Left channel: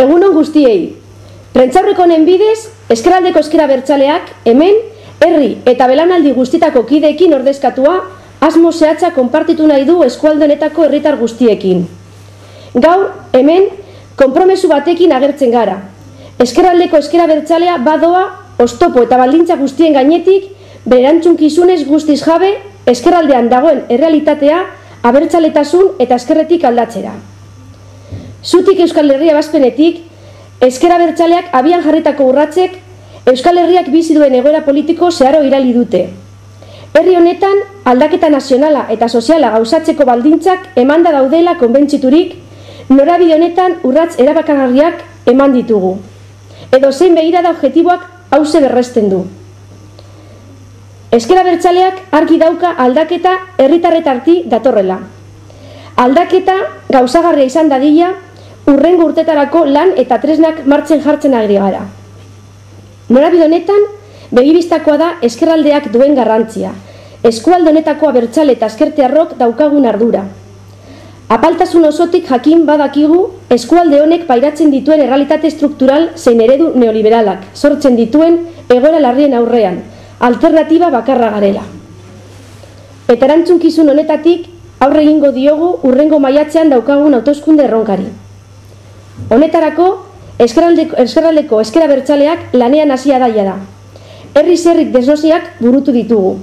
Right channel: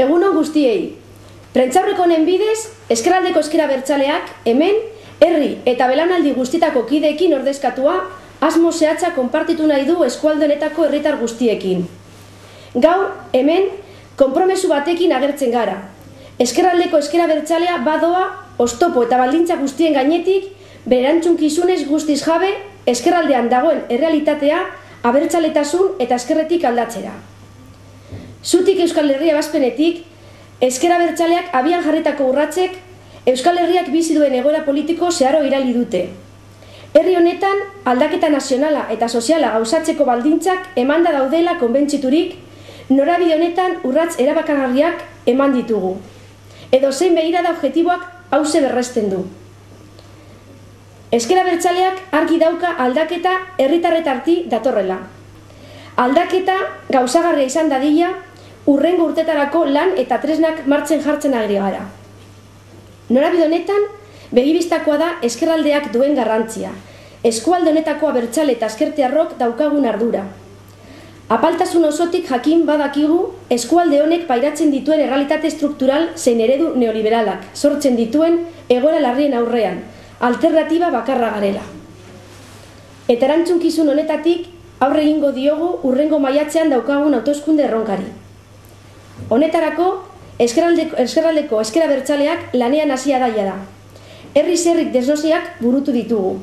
Egunon guztiei. Prentsaurreko honen bidez, Ezkerraldeko Ezker Abertzaleak hemen herri eta belaunaldi guztietako kideekin ordezkatua asmo zehatza konpartitu nahi du eskualde honetako herritar guztiekin. Gaur hemen konpromesu batekin agertzen gara. Ezkerraldeko Ezker Abertzalea badoa oztopo eta baldintza guztien gainetik bere erantzunkizunez guztiz jabe ezkerraldean dagoen errealitatea abertzaletasun eta ezkerretik aldatzera. Zutik Euskal Herria ebazpenetik, Ezker Abertzaleak abian jarritako urratsek Euskal Herriak bizi duen egoera politiko zeharo irali dute. Herri honetan aldaketa nazionala eta soziala gauzatzeko baldintzak emanda daudela konbentziturik, norabide honetan urrats erabakargarriak eman ditugu. Edo zein begirada objektiboak hauze berresten du. Ezker Abertzaleak argi dauka aldaketa herritarretarti datorrela. Aldaketa gauzagarria izan dadila, urrengo urtetarako lan eta tresnak martzen jartzen ari gara. Norabide honetan, begibistakoa da ezkerraldeak duen garrantzia, eskualde honetako abertzale eta ezkertiarrok daukagun ardura. Apaltasun osotik jakin badakigu, eskualde honek pairatzen dituen errealitate struktural zein eredu neoliberalak, sortzen dituen egoera larrien aurrean, alternatiba bakarra garela. Eta erantzunkizun honetatik, aurre egingo diogu urrengo maiatzean daukagun hauteskunde erronkari. Honetarako, Ezkerraldeko Ezker Abertzaleak lanean hasia daia da. Herriz herrik desnosiak burutu ditugu.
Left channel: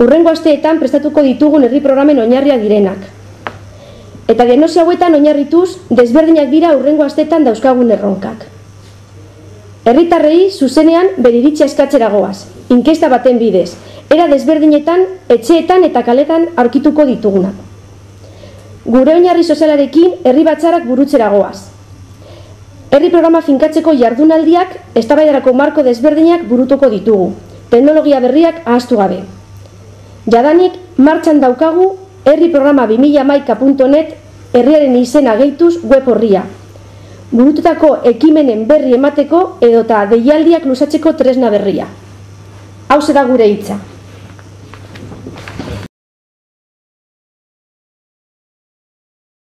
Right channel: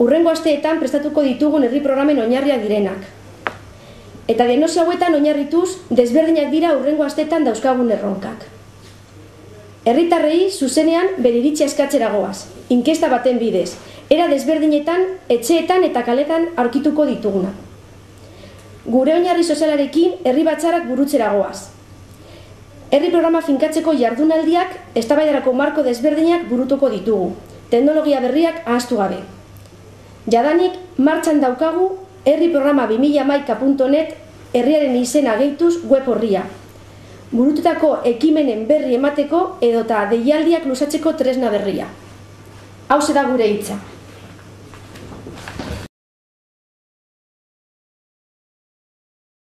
Urrengo asteetan prestatuko ditugun herri programen oinarriak direnak. Eta diagnosi hauetan oinarrituz, desberdinak dira urrengo asteetan dauzkagun erronkak. Herritarrei zuzenean bere iritzia eskatzera goaz, inkesta baten bidez, era desberdinetan, etxeetan eta kaletan aurkituko ditugunak. Gure oinarri sozialarekin herri batzarrak burutzera goaz. Herri programa finkatzeko jardunaldiak eztabaidarako marko desberdinak burutuko ditugu, teknologia berriak ahaztu gabe. Jadanik martxan daukagu herri programa 2011.net herriaren izena gehituz web horria. Burututako ekimenen berri emateko edota deialdiak luzatzeko tresna berria. Hauxe da gure hitza.